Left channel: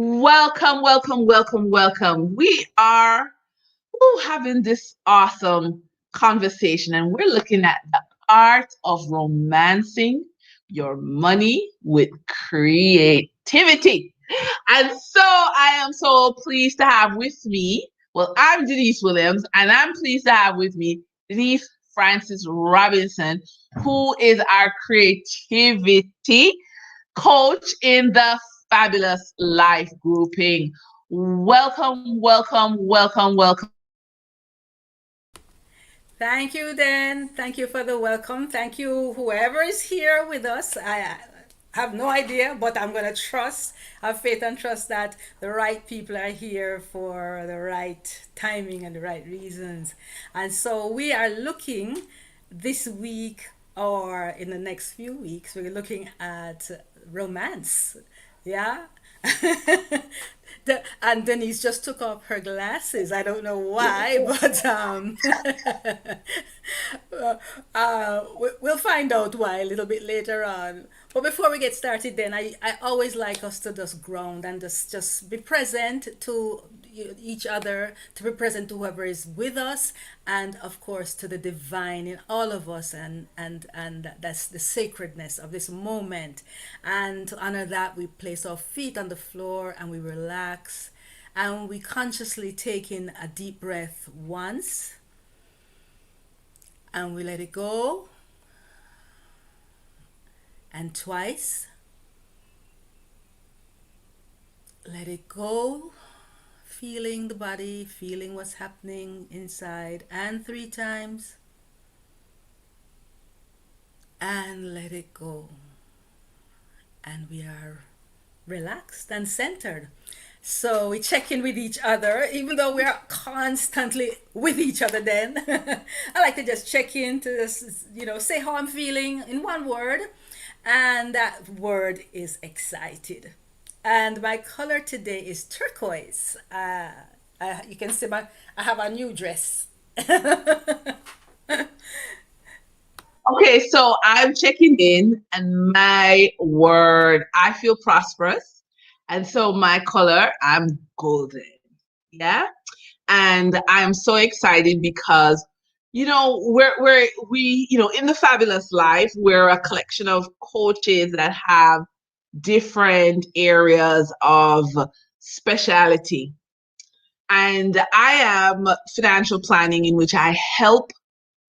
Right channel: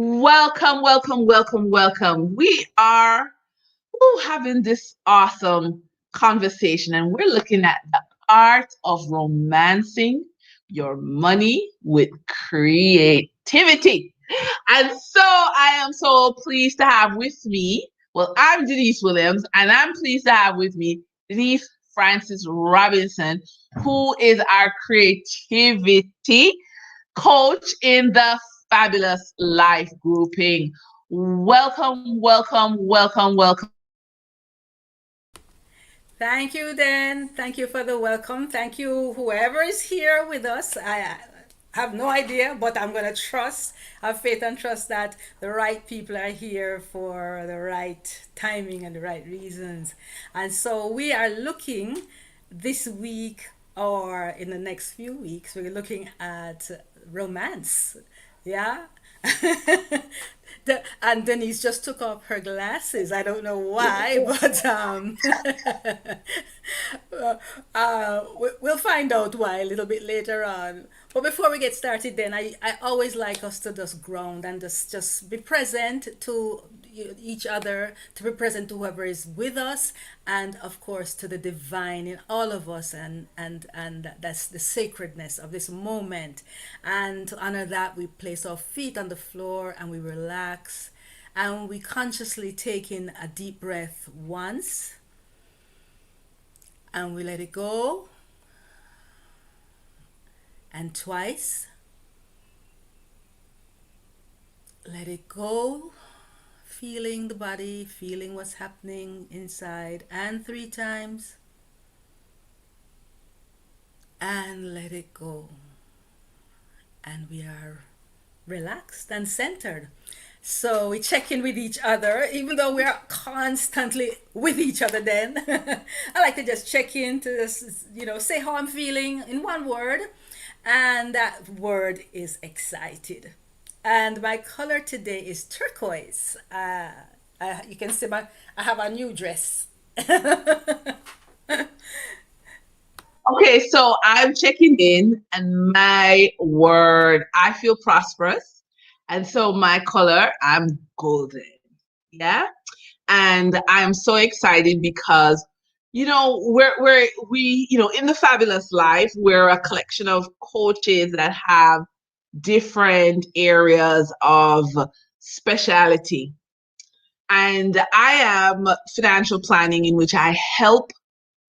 Welcome, welcome, welcome, welcome. We are having this awesome conversation, and we're looking at the art of romancing your money with creativity. And so I am so pleased to have with me, well, I'm Denise Williams, and I'm pleased to have with me Denise Francis Robinson, who is our creativity coach in the Fabulous Life grouping. Welcome, welcome, welcome, welcome. Thank you, Dan. Thank you for the welcome. Thank you, whoever is here with us. I have no idea, but I'm going to have faith and trust that the right people are here for the right timing and the right reasons. And so we are looking this week or in the next few weeks, we're looking at romance. Yeah. And Denise just took off her glasses. I don't know why, but we'll find out why a little bit later on. But before we get started, then I always like us to just ground and just be present to each other, to be present to whoever is with us, and of course to the divine in all of us, and that's the sacredness of this moment. And to honor that, we place our feet on the floor and we relax, and we consciously take in a deep breath once, and we let it go, and twice, let it go, feeling the body, feeling what's happening inside, and three times, and let it go. And we are relaxed and centered. So we check in with each other, even though we are constantly with each other. Then I like to just check in to just, say how I'm feeling in one word, and that word is excited. And my color today is turquoise. You can see I have a new dress. Okay, so I'm checking in, and my word, I feel prosperous. And so my color, I'm golden. Yeah. And I'm so excited because we in the Fabulous Life, we're a collection of coaches that have different areas of speciality. And I am financial planning, in which I help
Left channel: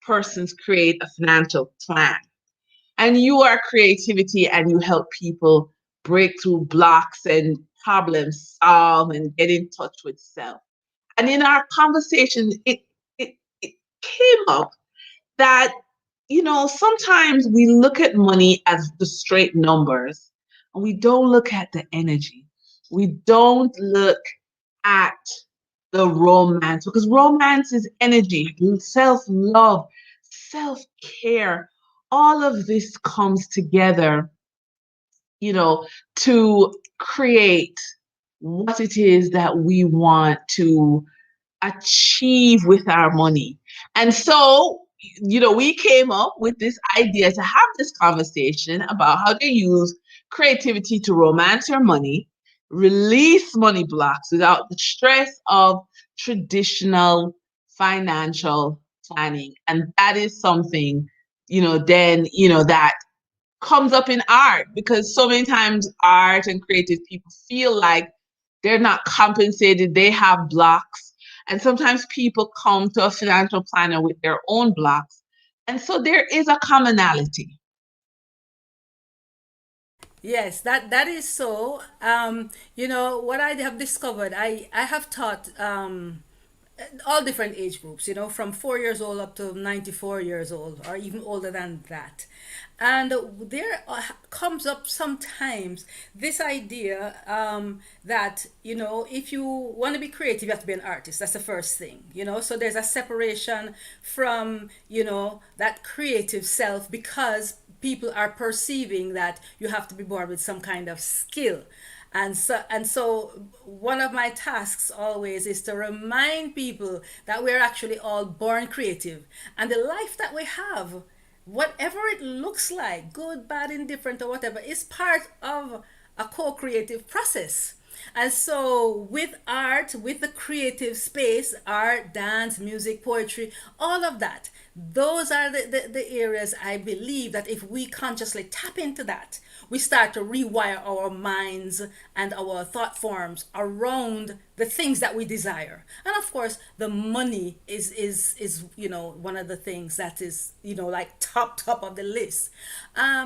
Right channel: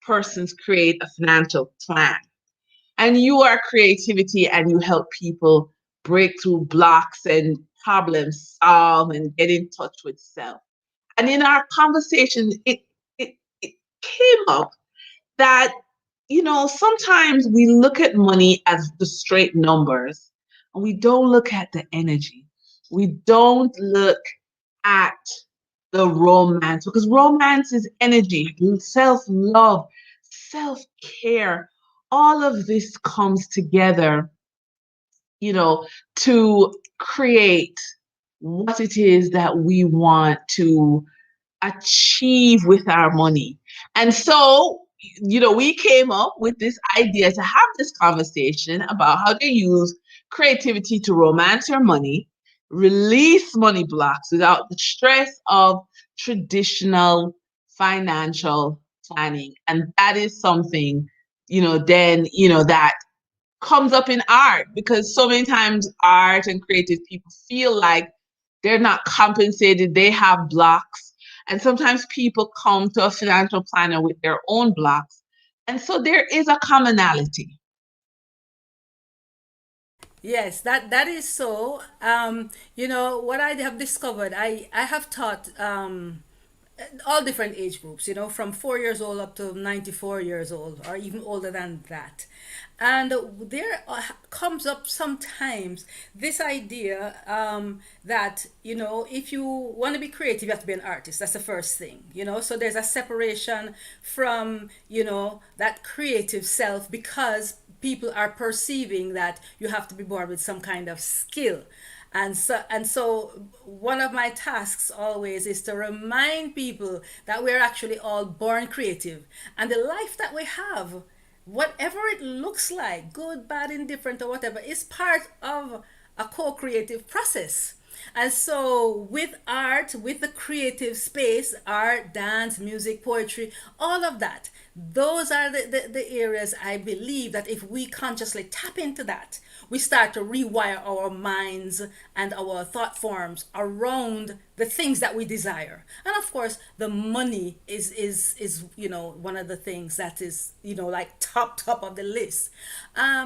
persons create a financial plan. And you are creativity, and you help people break through blocks and problem solve and get in touch with self. And in our conversation, it came up that, sometimes we look at money as the straight numbers, and we don't look at the energy. We don't look at the romance, because romance is energy, self love, self care. All of this comes together, you know, to create what it is that we want to achieve with our money. And so, we came up with this idea to have this conversation about how to use creativity to romance your money, release money blocks without the stress of traditional financial planning. And that is something, that comes up in art, because so many times art and creative people feel like they're not compensated, they have blocks. And sometimes people come to a financial planner with their own blocks. And so there is a commonality. Yes, that is so. What I have discovered, I have taught all different age groups, from 4 years old up to 94 years old, or even older than that. And there comes up sometimes this idea that, if you want to be creative, you have to be an artist. That's the first thing, So there's a separation from, that creative self, because people are perceiving that you have to be born with some kind of skill. And so one of my tasks always is to remind people that we're actually all born creative, and the life that we have, whatever it looks like, good, bad, indifferent, or whatever, is part of a co-creative process. And so, with art, with the creative space, art, dance, music, poetry, all of that, those are the areas I believe that if we consciously tap into that, we start to rewire our minds and our thought forms around the things that we desire. And of course, the money is one of the things that is like top of the list.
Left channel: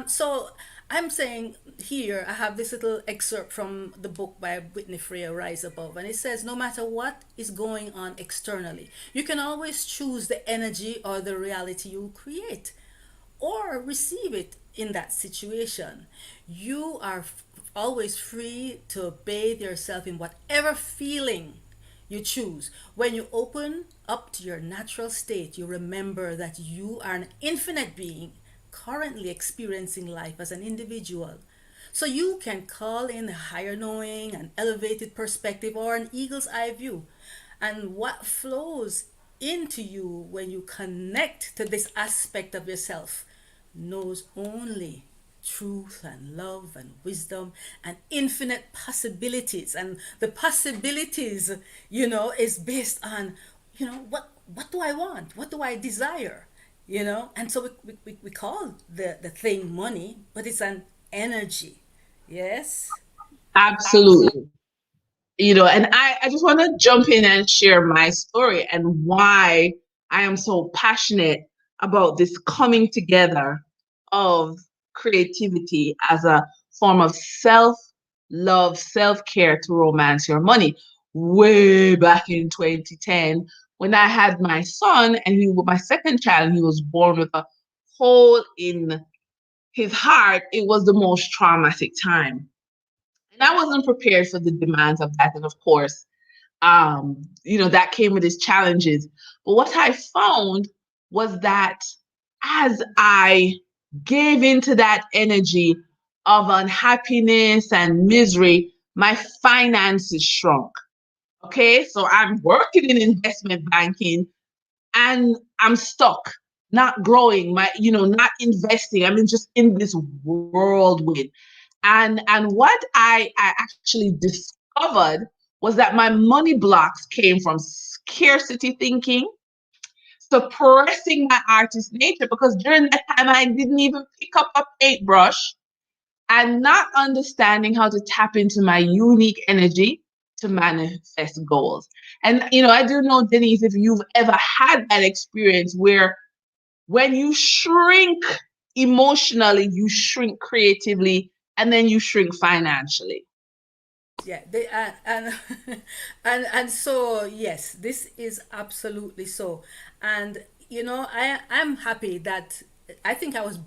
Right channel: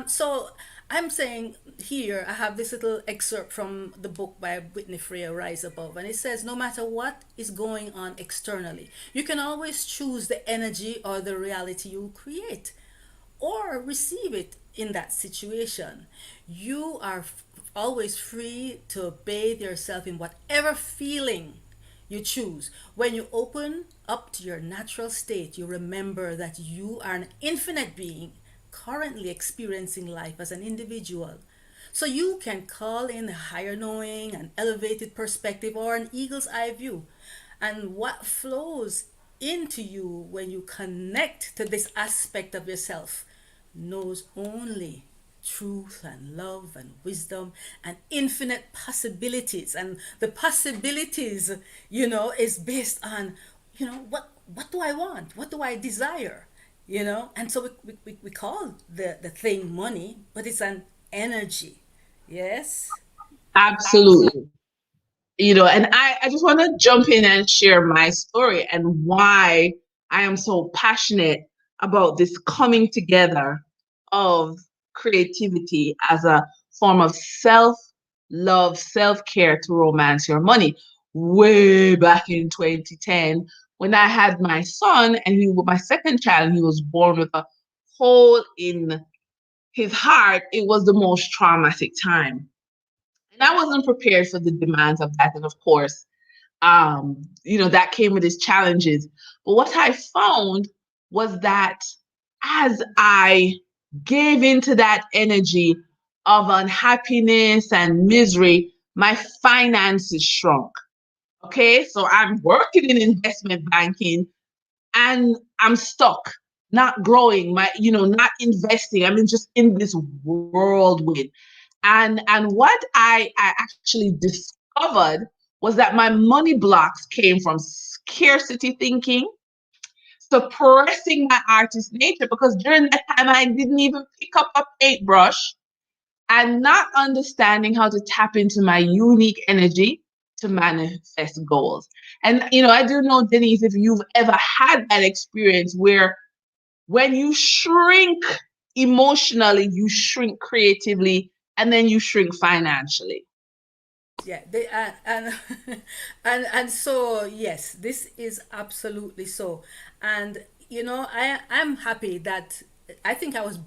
So I'm saying here, I have this little excerpt from the book by Whitney Freer, Rise Above, and it says, no matter what is going on externally, you can always choose the energy or the reality you create or receive it in that situation. You are always free to bathe yourself in whatever feeling you choose. When you open up to your natural state, you remember that you are an infinite being currently experiencing life as an individual. So you can call in a higher knowing, an elevated perspective, or an eagle's eye view. And what flows into you when you connect to this aspect of yourself knows only truth and love and wisdom and infinite possibilities. And the possibilities, is based on, what do I want? What do I desire? And so we call the thing money, but it's an energy. Yes. Absolutely. And I just want to jump in and share my story and why I am so passionate about this coming together of creativity as a form of self love, self care to romance your money. Way back in 2010, when I had my son and he was my second child, and he was born with a hole in his heart, it was the most traumatic time. And I wasn't prepared for the demands of that. And of course, that came with its challenges. But what I found was that as I gave into that energy of unhappiness and misery, my finances shrunk. Okay, so I'm working in investment banking and I'm stuck, not growing, not investing. I mean, just in this whirlwind. And what I actually discovered was that my money blocks came from scarcity thinking, suppressing my artist nature, because during that time I didn't even pick up a paintbrush, and not understanding how to tap into my unique energy to manifest goals. And I do know, Denise, if you've ever had that experience where when you shrink emotionally, you shrink creatively, and then you shrink financially. Yeah, they and and so yes, this is absolutely so. And I'm happy that I think I was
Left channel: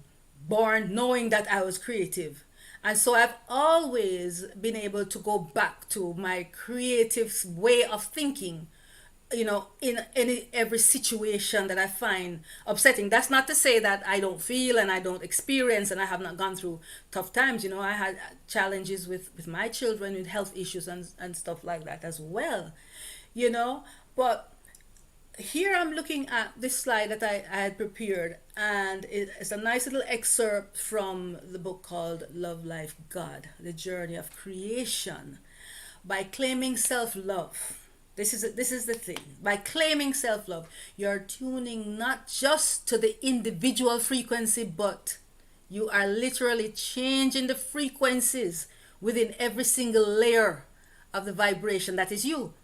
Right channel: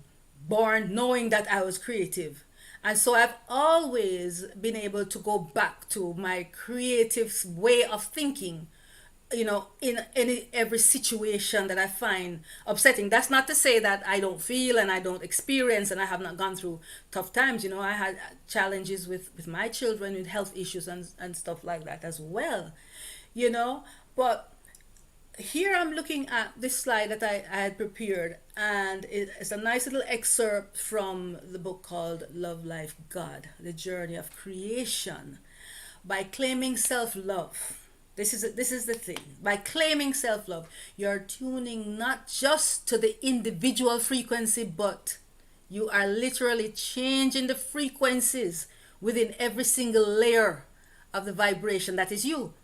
born knowing that I was creative. And so I've always been able to go back to my creative way of thinking, in any every situation that I find upsetting. That's not to say that I don't feel and I don't experience and I have not gone through tough times. I had challenges with my children with health issues and stuff like that as well. you know but here I'm looking at this slide that I had prepared, and it's a nice little excerpt from the book called Love Life God, The Journey of Creation. By claiming self-love, this is the thing. By claiming self-love, you're tuning not just to the individual frequency, but you are literally changing the frequencies within every single layer of the vibration that is you.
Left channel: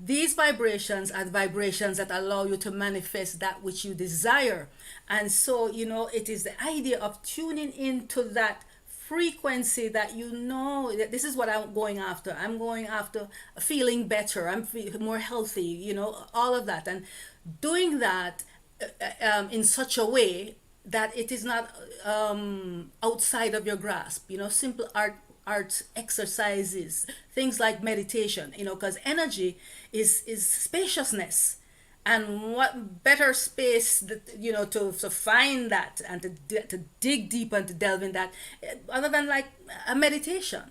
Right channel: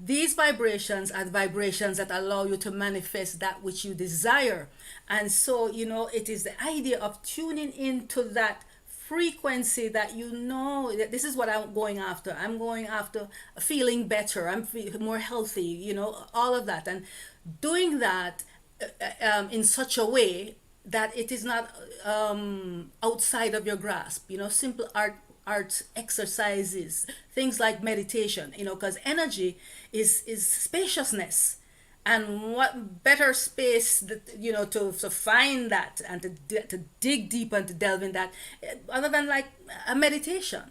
These vibrations are the vibrations that allow you to manifest that which you desire. And so, it is the idea of tuning into that frequency that that this is what I'm going after. I'm going after feeling better. I'm more healthy, all of that. And doing that in such a way that it is not outside of your grasp. Simple art exercises, things like meditation. Because energy is spaciousness, and what better space that to find that and to dig deep and to delve in that, other than like a meditation.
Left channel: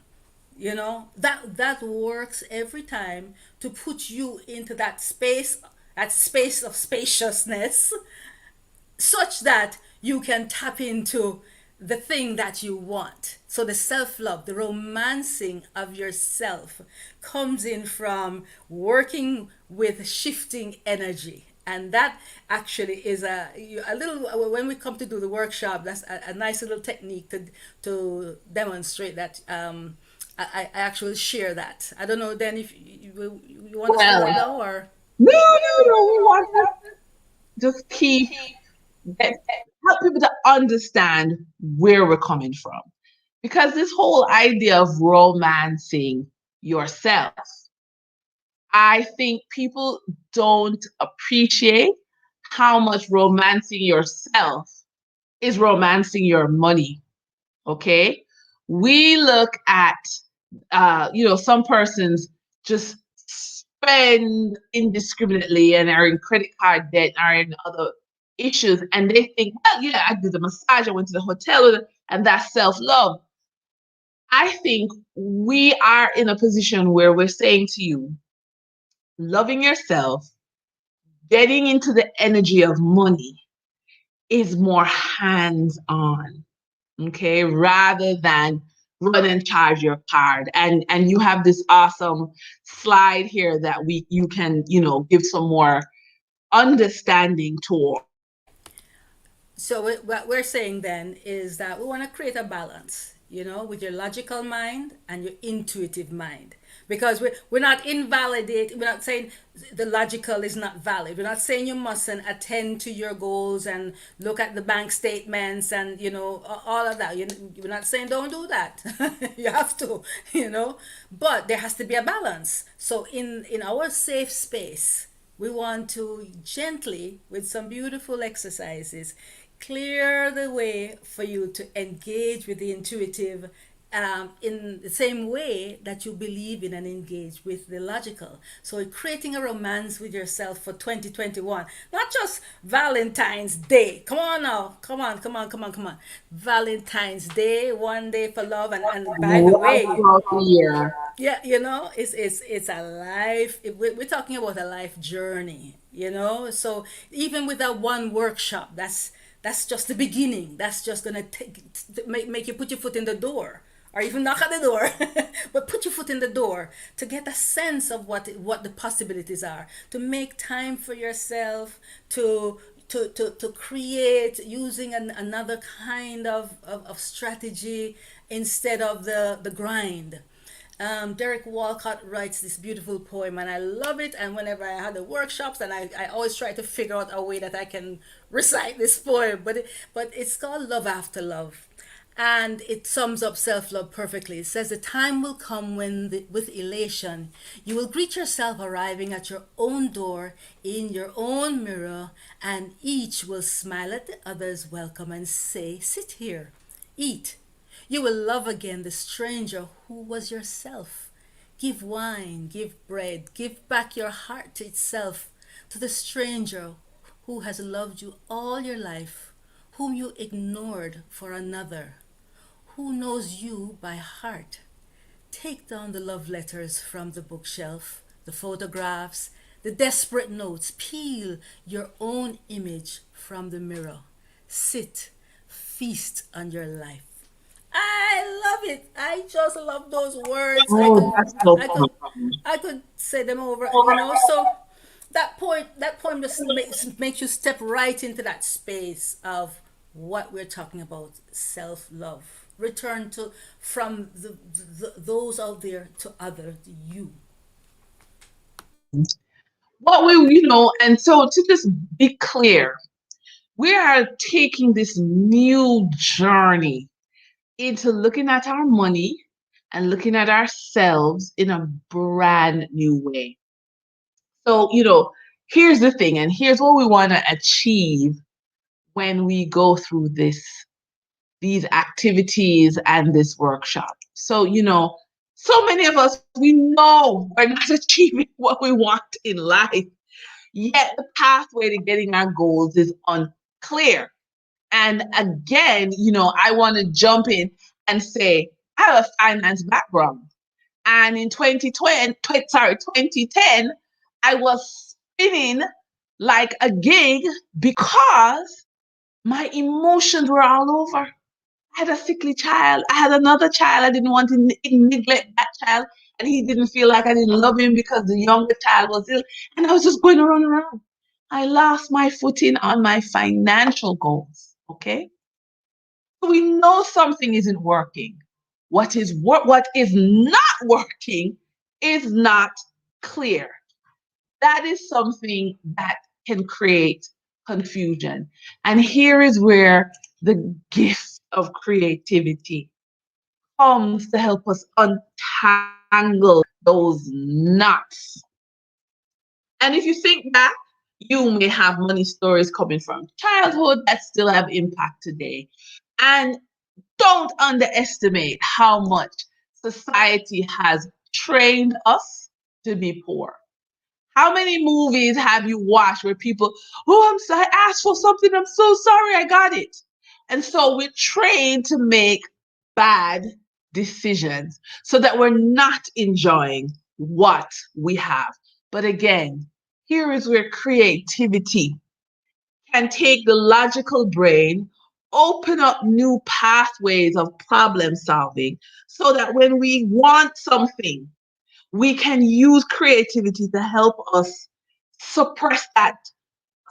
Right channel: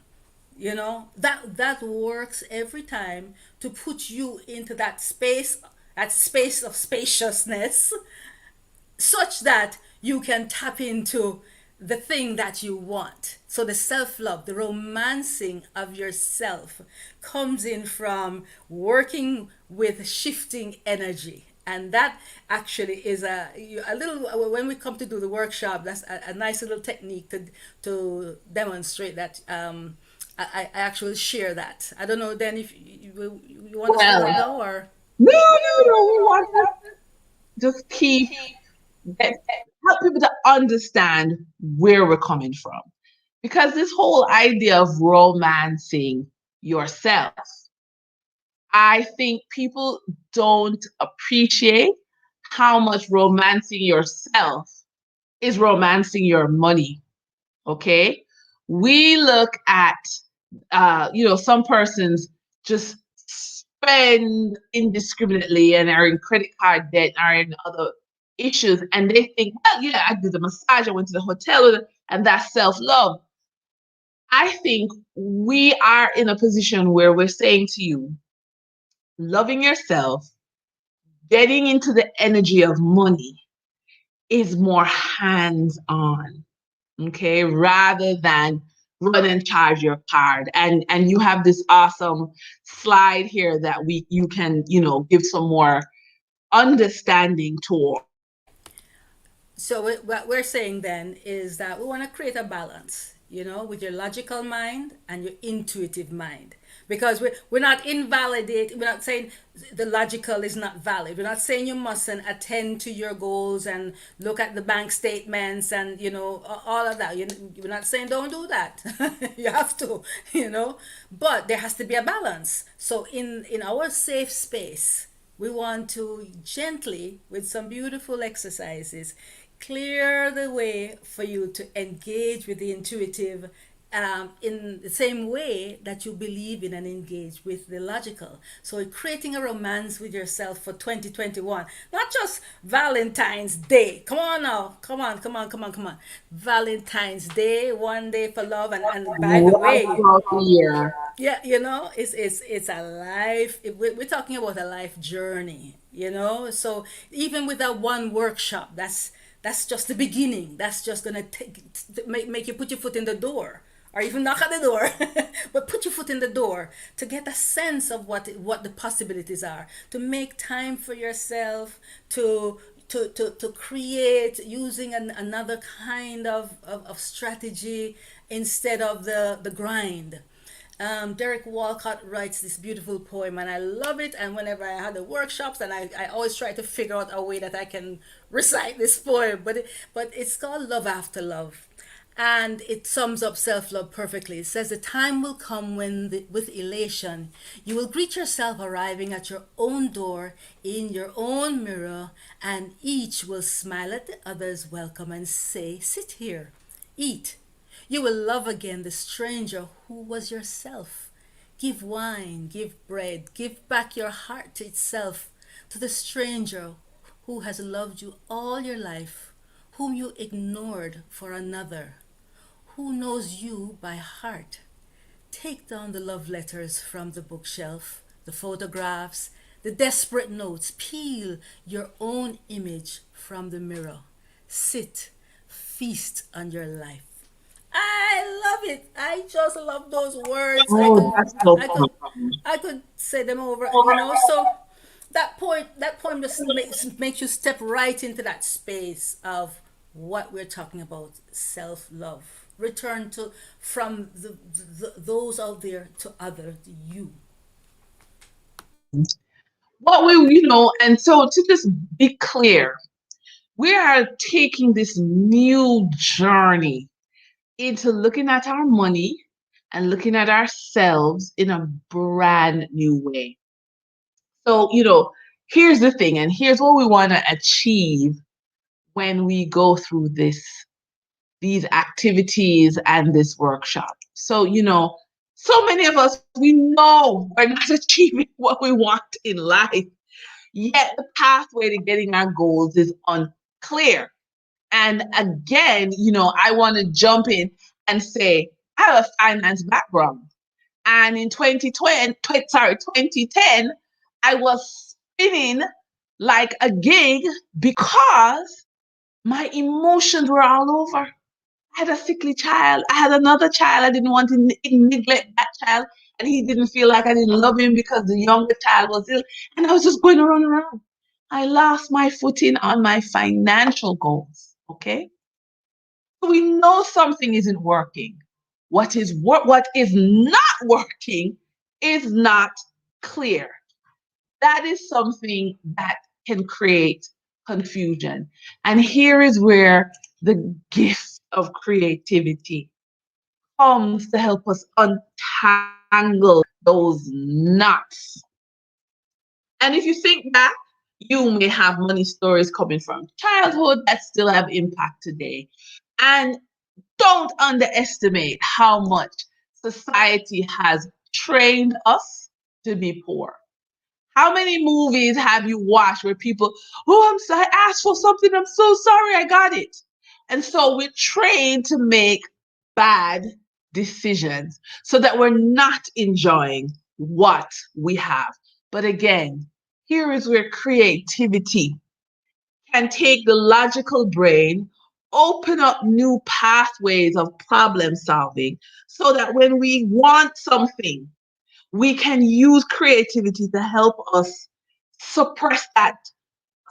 That works every time to put you into that space of spaciousness, such that you can tap into the thing that you want. So the self love, the romancing of yourself comes in from working with shifting energy. And that actually is a little, when we come to do the workshop, that's a nice little technique to demonstrate that. I actually share that. I don't know then if you want us to do Well, it now or. no, no, no. We want to just get, help people to understand where we're coming from. Because this whole idea of romancing yourself, I think people don't appreciate how much romancing yourself is romancing your money. Okay. We look at, some persons just spend indiscriminately and are in credit card debt, are in other issues, and they think, well, yeah, I did the massage, I went to the hotel, and that's self love. I think we are in a position where we're saying to you, loving yourself, getting into the energy of money is more hands on, okay, rather than run and charge your card. And you have this awesome slide here that we you can, give some more understanding towards. So what we're saying then is that we want to create a balance, with your logical mind and your intuitive mind. Because we're not we're not saying the logical is not valid. We're not saying you mustn't attend to your goals and look at the bank statements and, all of that. We're not saying don't do that. You have to, but there has to be a balance. So in our safe space, we want to gently, with some beautiful exercises, clear the way for you to engage with the intuitive in the same way that you believe in and engage with the logical. So, creating a romance with yourself for 2021, not just Valentine's Day. Come on now, come on, come on, come on, come on. Valentine's Day, one day for love, and by the Right way, throughout the year. yeah, it's a life. We're talking about a life journey, So even with that one workshop, that's just the beginning. That's just gonna make you put your foot in the door, or even knock at the door, but put your foot in the door to get a sense of what the possibilities are. To make time for yourself, to create using another kind of strategy instead of the grind. Derek Walcott writes this beautiful poem, and I love it. And whenever I had the workshops, and I always try to figure out a way that I can recite this poem. But it's called Love After Love, and it sums up self love perfectly. It says, "The time will come when, with elation, you will greet yourself arriving at your own door in your own mirror, and each will smile at the other's welcome and say, 'Sit here, eat.' You will love again the stranger who was yourself. Give wine, give bread, give back your heart to itself, to the stranger who has loved you all your life, whom you ignored for another, who knows you by heart. Take down the love letters from the bookshelf, the photographs, the desperate notes. Peel your own image from the mirror. Sit, feast on your life." I love it. I just love those words. Oh, that's so I could, fun. I could say them over. So that poem just makes you step right into that space of what we're talking about: self love. Return to from those out there to other you. What we, and so to just be clear, we are taking this new journey into looking at our money and looking at ourselves in a brand new way. So, here's the thing, and here's what we want to achieve when we go through these activities and this workshop. So, so many of us, we know we're not achieving what we want in life, yet the pathway to getting our goals is unclear. And again, I want to jump in and say, I have a finance background. And in 2010, I was spinning like a gig because my emotions were all over. I had a sickly child. I had another child. I didn't want to neglect that child. And he didn't feel like I didn't love him because the younger child was ill. And I was just going around. I lost my footing on my financial goals. Okay. So we know something isn't working. What is not working is not clear. That is something that can create confusion. And here is where the gift of creativity comes to help us untangle those knots. And if you think back, you may have money stories coming from childhood that still have impact today. And don't underestimate how much society has trained us to be poor. How many movies have you watched where people, oh, I'm sorry, I asked for something, I'm so sorry, I got it. And so we're trained to make bad decisions so that we're not enjoying what we have. But again, here is where creativity can take the logical brain, open up new pathways of problem solving so that when we want something, we can use creativity to help us suppress that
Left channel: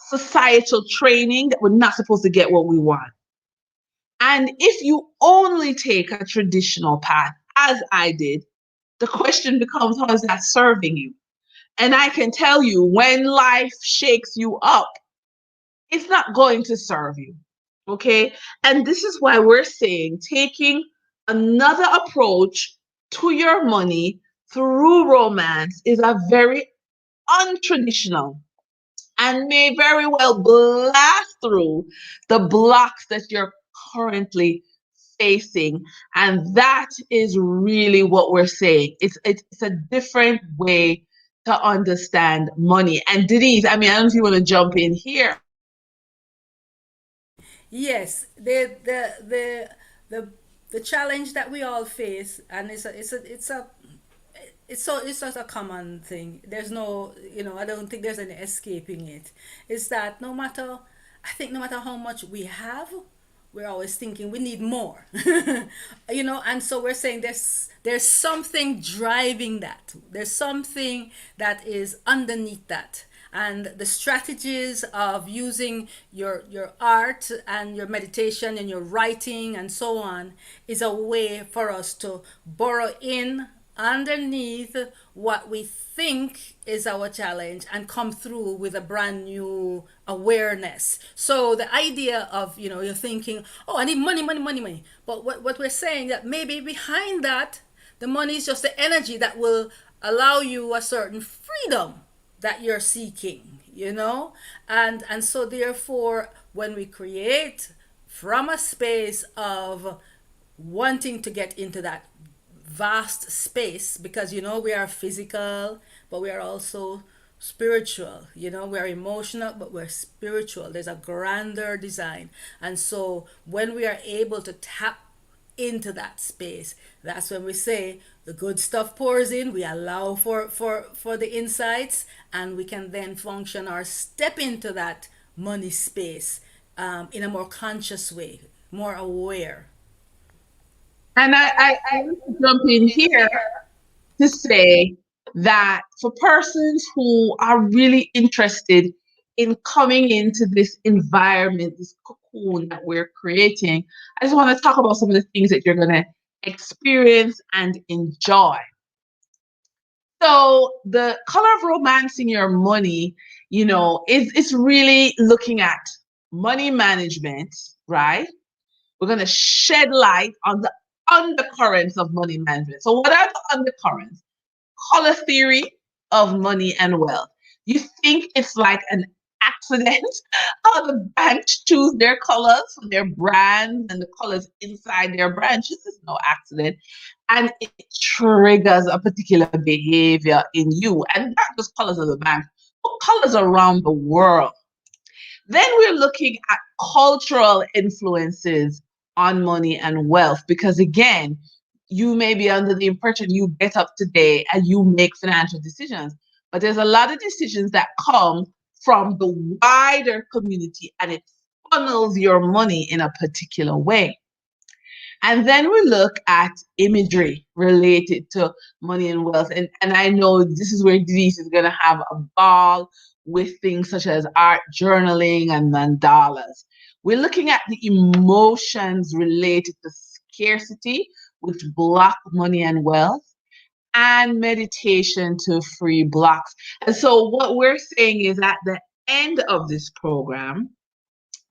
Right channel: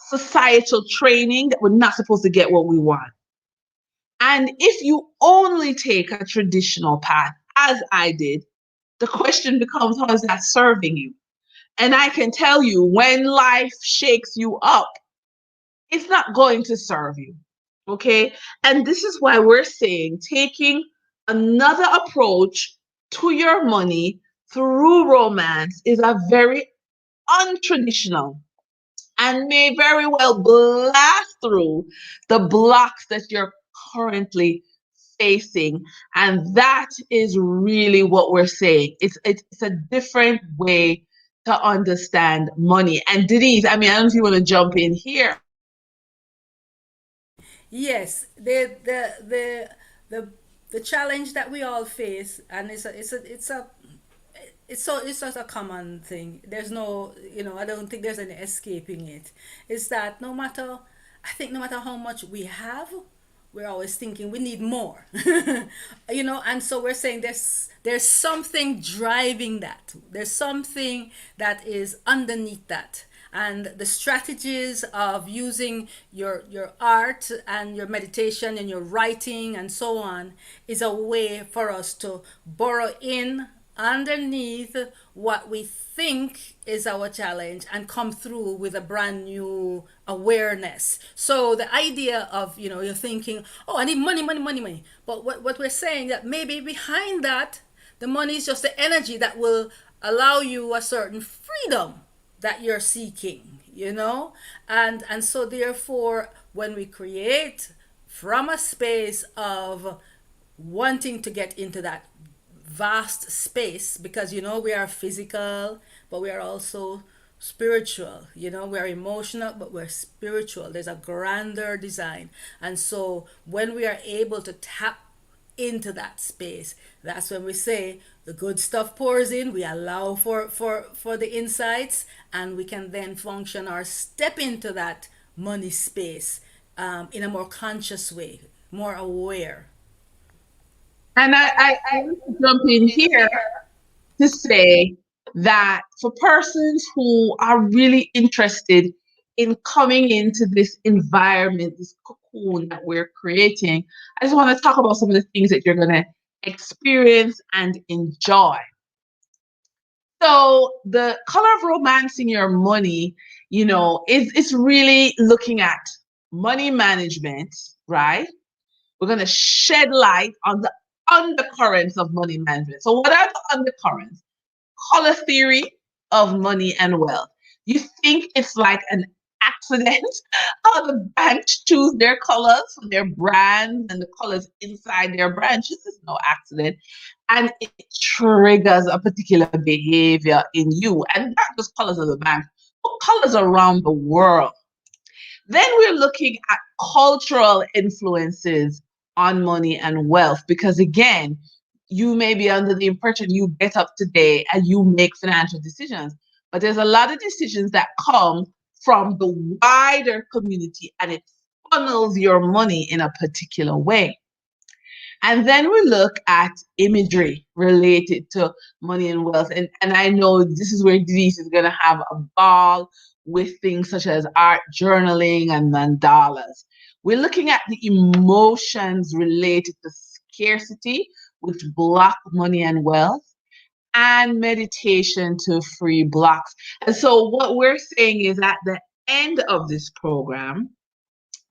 societal training that we're not supposed to get what we want. And if you only take a traditional path, as I did, the question becomes, how is that serving you? And I can tell you, when life shakes you up, it's not going to serve you. Okay. And this is why we're saying taking another approach to your money through romance is a very untraditional and may very well blast through the blocks that you're currently facing. And that is really what we're saying. It's a different way to understand money. And Denise, I mean, I don't know if you want to jump in here. Yes, the the challenge that we all face, and it's such a common thing. There's no, I don't think there's any escaping it. Is that no matter, I think no matter how much we have, we're always thinking we need more. And so we're saying there's something driving that. There's something that is underneath that. And the strategies of using your art and your meditation and your writing and so on is a way for us to borrow in underneath what we think is our challenge and come through with a brand new awareness. So the idea of, you're thinking, oh, I need money, money, money, money. But what we're saying that maybe behind that, the money is just the energy that will allow you a certain freedom that you're seeking, and so therefore when we create from a space of wanting to get into that vast space, because we are physical but we are also spiritual, we are emotional but we're spiritual. There's a grander design, and so when we are able to tap into that space, that's when we say the good stuff pours in. We allow for the insights, and we can then function or step into that money space, in a more conscious way, more aware. And I want to jump in here to say that for persons who are really interested in coming into this environment, this cocoon that we're creating, I just want to talk about some of the things that you're going to experience and enjoy. So the color of romance in your money, is it's really looking at money management, right? We're going to shed light on the undercurrents of money management. So what are the undercurrents? Color theory of money and wealth. You think it's like an accident how the banks choose their colors for their brands and the colors inside their branches. Is no accident. And it triggers a particular behavior in you. And not just colors of the bank, but colors around the world. Then we're looking at cultural influences on money and wealth, because again, you may be under the impression you get up today and you make financial decisions, but there's a lot of decisions that come from the wider community and it funnels your money in a particular way. And then we look at imagery related to money and wealth. And I know this is where Denise is going to have a ball with things such as art journaling and mandalas. We're looking at the emotions related to scarcity, which block money and wealth, and meditation to free blocks. And so, what we're saying is at the end of this program,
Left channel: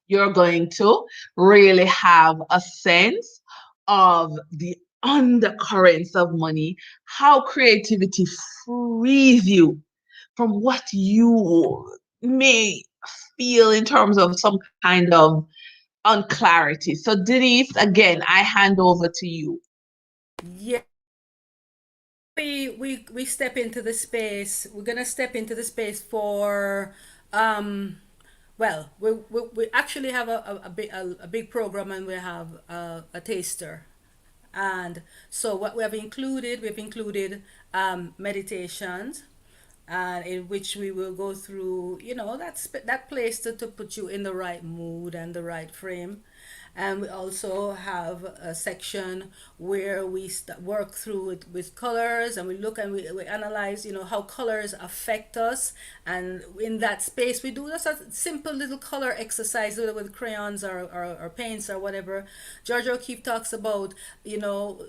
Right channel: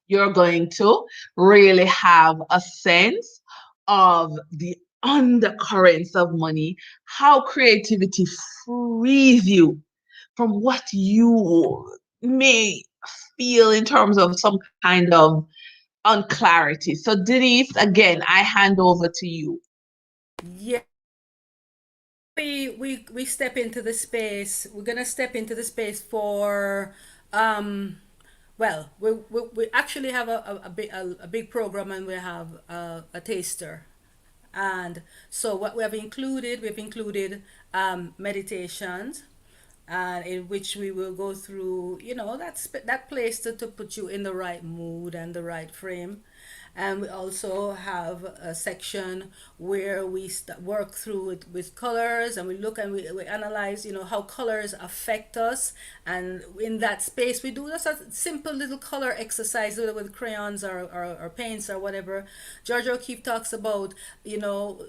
you're going to really have a sense of the undercurrents of money, how creativity frees you from what you may feel in terms of some kind of unclarity. So, Denise, again, I hand over to you. Yeah, we step into the space. We're gonna step into the space for well, we actually have a big program, and we have a taster. And so what we've included meditations, and in which we will go through, that place to put you in the right mood and the right frame. And we also have a section where we work through it with colors, and we look and we analyze, how colors affect us. And in that space, we do just a simple little color exercise with crayons or paints or whatever. Georgia O'Keeffe talks about,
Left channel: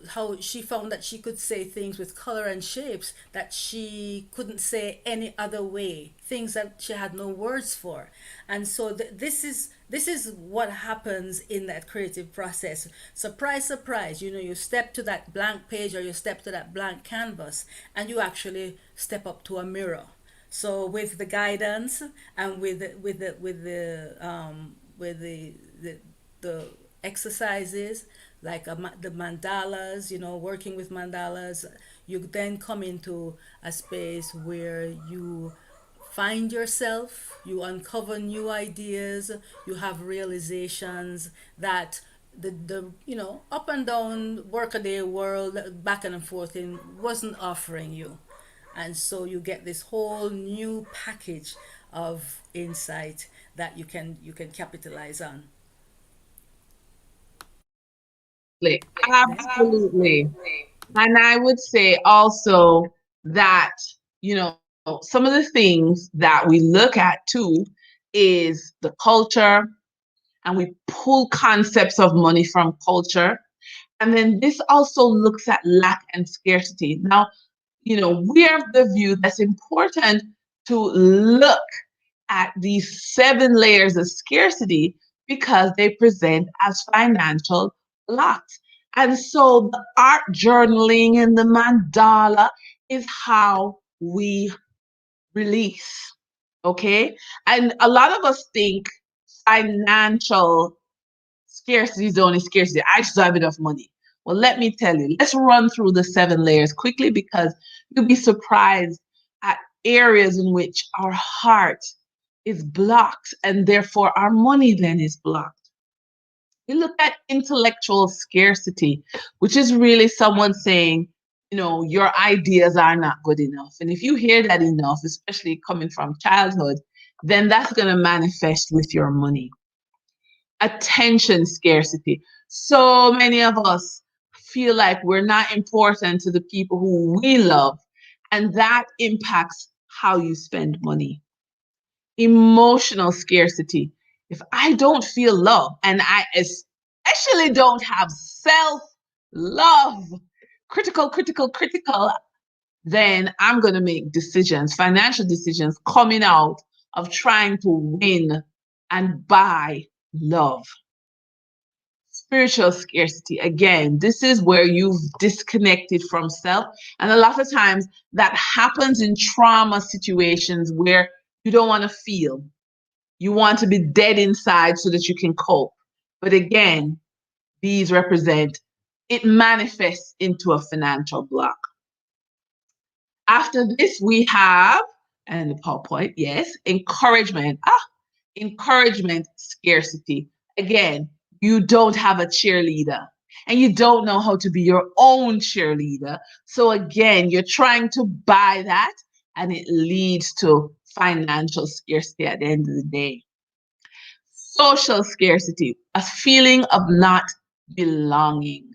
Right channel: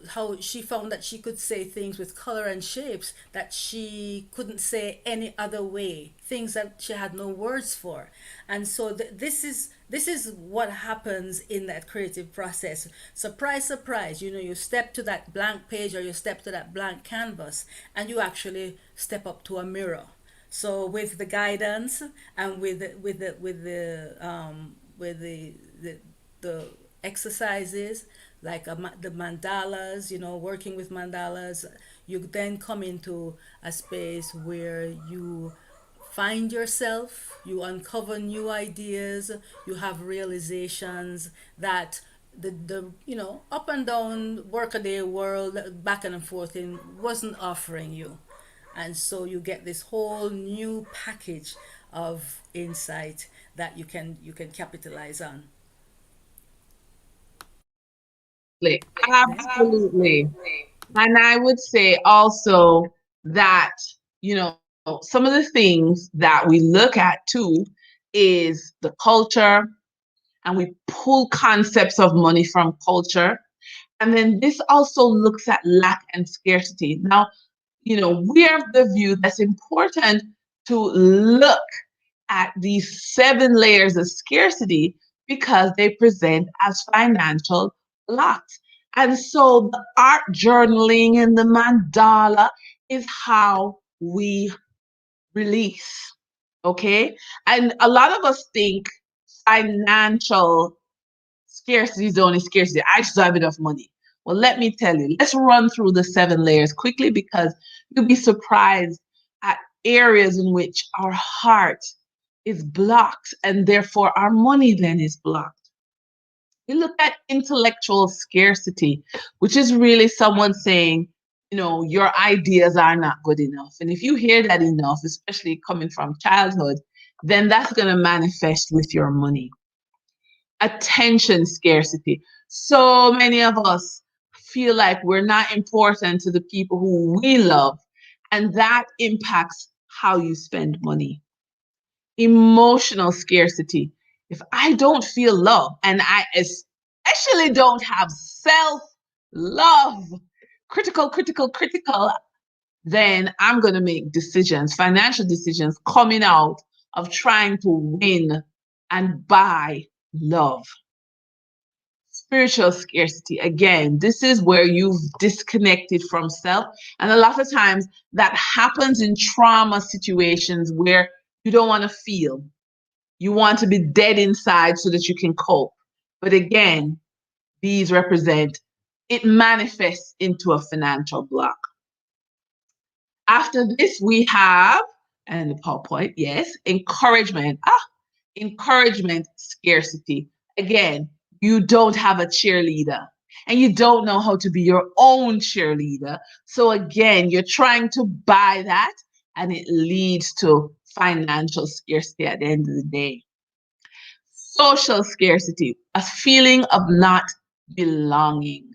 how she found that she could say things with color and shapes that she couldn't say any other way, things that she had no words for. And so this is what happens in that creative process. Surprise, surprise, you step to that blank page, or you step to that blank canvas, and you actually step up to a mirror. So with the guidance, and with the exercises, like the mandalas, working with mandalas, you then come into a space where you find yourself, you uncover new ideas, you have realizations that the up and down workaday world, back and forth in, wasn't offering you. And so you get this whole new package of insight that you can capitalize on. Absolutely. And I would say also that, some of the things that we look at too is the culture, and we pull concepts of money from culture. And then this also looks at lack and scarcity. Now, we are of the view that's important to look at these 7 layers of scarcity because they present as financial blocks. And so the art journaling and the mandala is how we release. Okay. And a lot of us think financial scarcity is the only scarcity. I just don't have enough money. Well, let me tell you, let's run through the 7 layers quickly because you'll be surprised at areas in which our heart is blocked and therefore our money then is blocked. We look at intellectual scarcity, which is really someone saying, your ideas are not good enough. And if you hear that enough, especially coming from childhood, then that's going to manifest with your money. Attention scarcity. So many of us feel like we're not important to the people who we love, and that impacts how you spend money. Emotional scarcity. If I don't feel love, and I especially don't have self love, critical, critical, critical, then I'm going to make decisions, financial decisions coming out of trying to win and buy love. Spiritual scarcity. Again, this is where you've disconnected from self. And a lot of times that happens in trauma situations where you don't want to feel. You want to be dead inside so that you can cope. But again, these represent, it manifests into a financial block. After this, we have, and the PowerPoint, yes, encouragement. Encouragement scarcity. Again, you don't have a cheerleader and you don't know how to be your own cheerleader. So again, you're trying to buy that and it leads to financial scarcity at the end of the day. Social scarcity, a feeling of not belonging.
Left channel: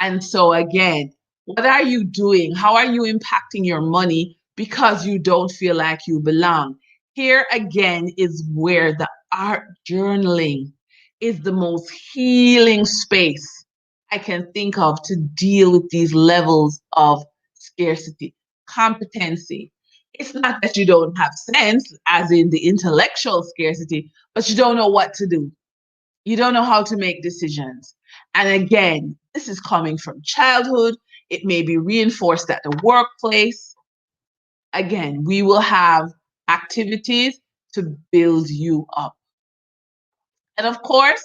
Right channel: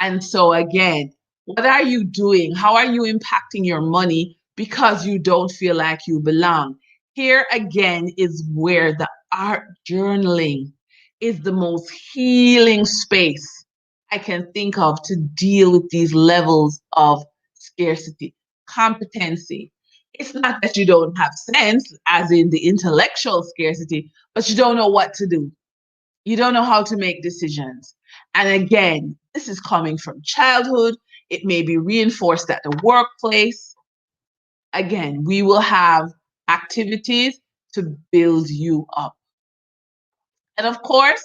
And so, again, what are you doing? How are you impacting your money because you don't feel like you belong? Here again is where the art journaling is the most healing space I can think of to deal with these levels of scarcity, competency. It's not that you don't have sense, as in the intellectual scarcity, but you don't know what to do. You don't know how to make decisions. And again, this is coming from childhood. It may be reinforced at the workplace. Again, we will have activities to build you up. And of course,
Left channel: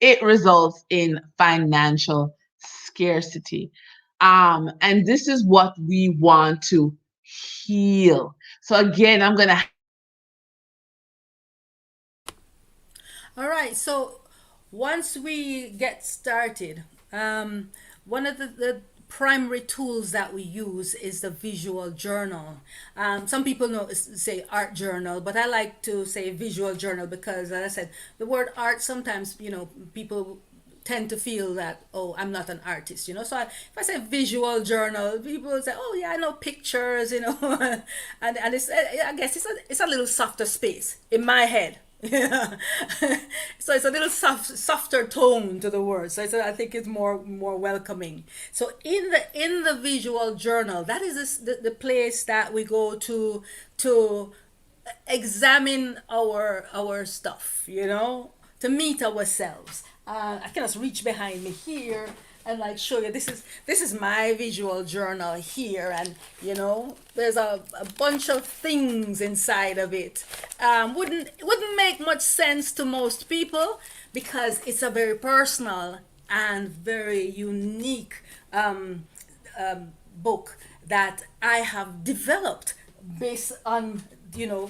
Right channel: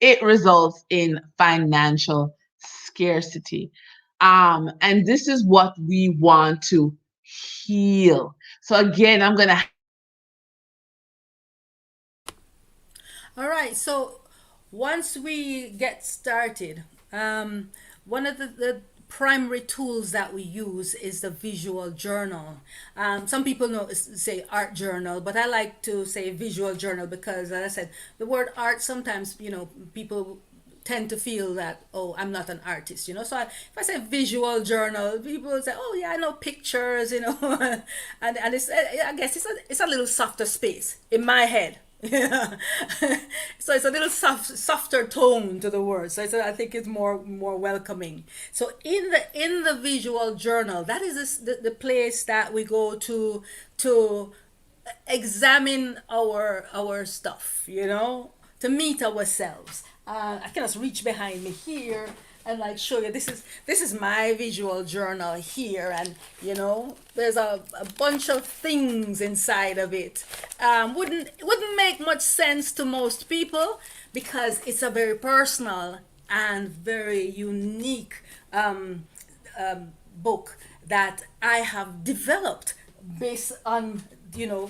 it results in financial scarcity. And this is what we want to heal. So again, I'm going to All right. So once we get started, one of the primary tools that we use is the visual journal. Some people know say art journal, but I like to say visual journal because, as I said, the word art sometimes people tend to feel that, oh, I'm not an artist, so if I say visual journal, people will say, oh yeah, I know pictures, and it's, I guess it's a little softer space in my head. Yeah. So it's a little softer tone to the word. So I think it's more welcoming. So in the visual journal, that is the place that we go to examine our stuff, to meet ourselves. I can just reach behind me here and like show you this is my visual journal here, and there's a bunch of things inside of it. Wouldn't make much sense to most people because it's a very personal and very unique book that I have developed based on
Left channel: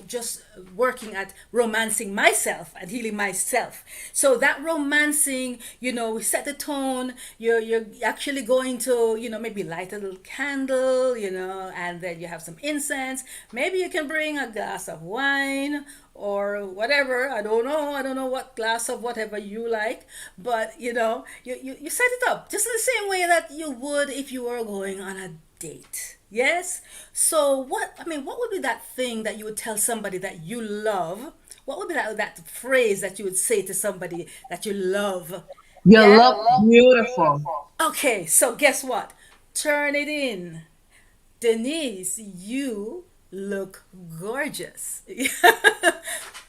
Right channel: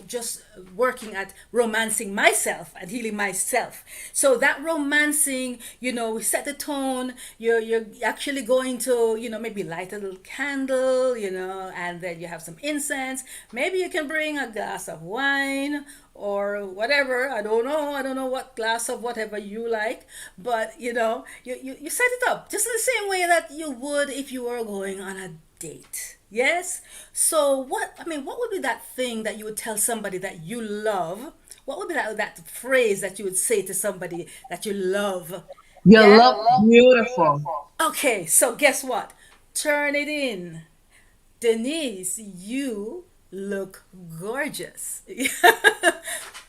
just working at romancing myself and healing myself. So that romancing, we set the tone. You're actually going to maybe light a little candle, and then you have some incense. Maybe you can bring a glass of wine or whatever. I don't know what glass of whatever you like, but you set it up just in the same way that you would if you were going on a date. Yes. So what would be that thing that you would tell somebody that you love? What would be that phrase that you would say to somebody that you love? you Yeah. look beautiful. Okay, so guess what? Turn it in. Denise, you look gorgeous.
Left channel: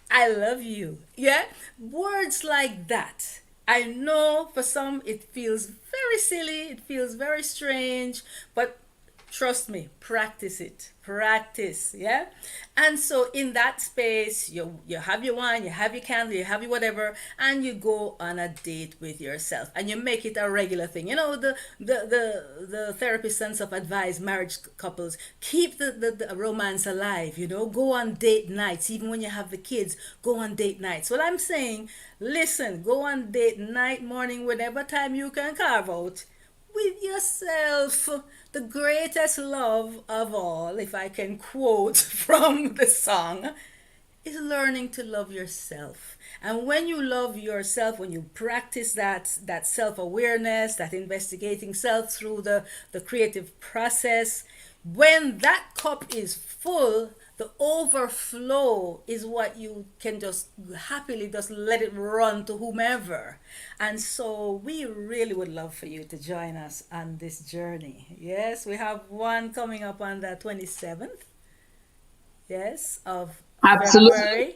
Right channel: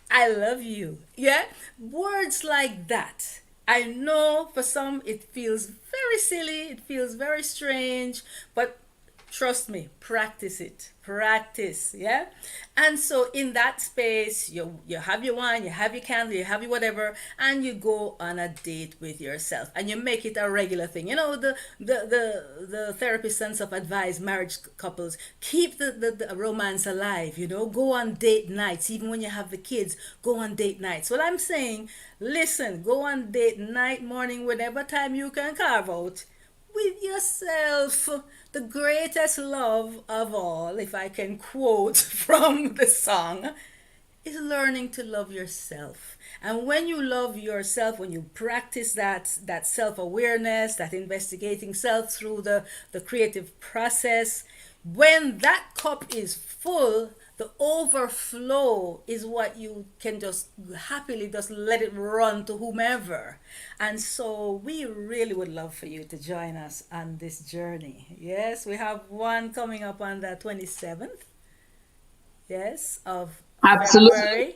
I love you. Yeah? Words like that. I know for some it feels very silly, it feels very strange, but trust me, practice it. Practice, yeah? And so in that space, you have your wine, you have your candle, you have your whatever, and you go on a date with yourself and you make it a regular thing. The therapist and stuff advise marriage couples keep the romance alive, go on date nights, even when you have the kids, go on date nights. Well, I'm saying, listen, go on date night, morning, whatever time you can carve out with yourself. The greatest love of all, if I can quote from the song, is learning to love yourself. And when you love yourself, when you practice that self-awareness, that investigating self through the creative process, when that cup is full, the overflow is what you can just happily just let it run to whomever. And so we really would love for you to join us on this journey. Yes, we have one coming up on the 27th, yes, of Absolutely. February.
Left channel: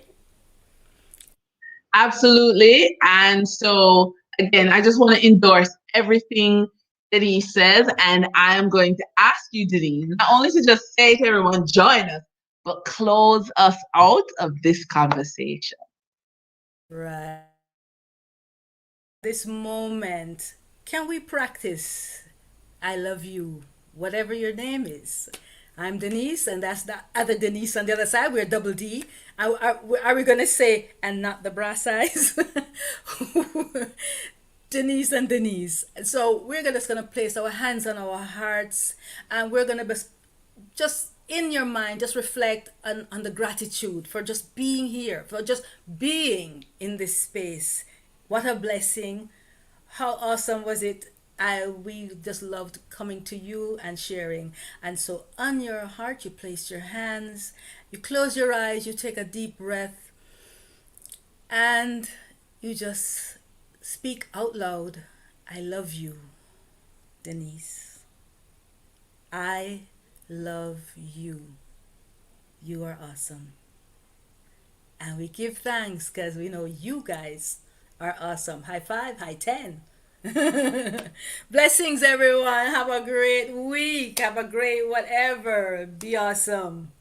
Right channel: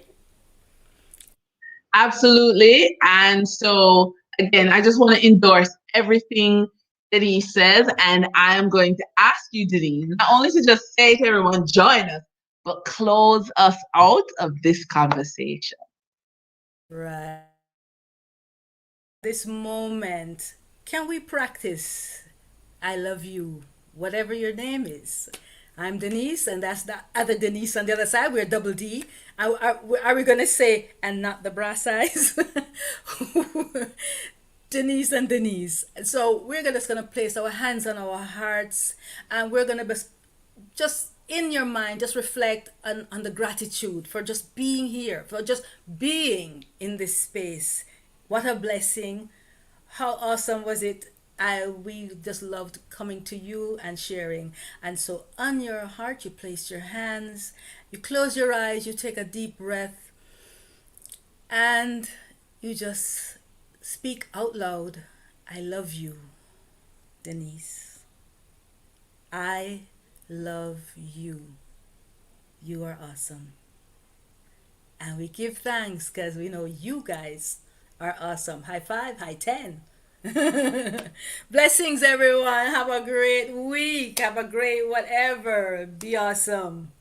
Absolutely. And so, again, I just want to endorse everything Denise says. And I am going to ask you, Denise, not only to just say to everyone, join us, but close us out of this conversation. Right. This moment, can we practice I love you, whatever your name is? I'm Denise, and that's the other Denise on the other side. We're double D. Are we going to say, and not the brass eyes? Denise and Denise. So we're just going to place our hands on our hearts, and we're going to just in your mind, just reflect on the gratitude for just being here, for just being in this space. What a blessing. How awesome was it? We just loved coming to you and sharing. And so on your heart, you place your hands, you close your eyes, you take a deep breath, and you just speak out loud. I love you, Denise. I love you. You are awesome. And we give thanks because we know you guys are awesome. High five, high 10. Blessings, everyone. Have a great week. Have a great whatever. Be awesome.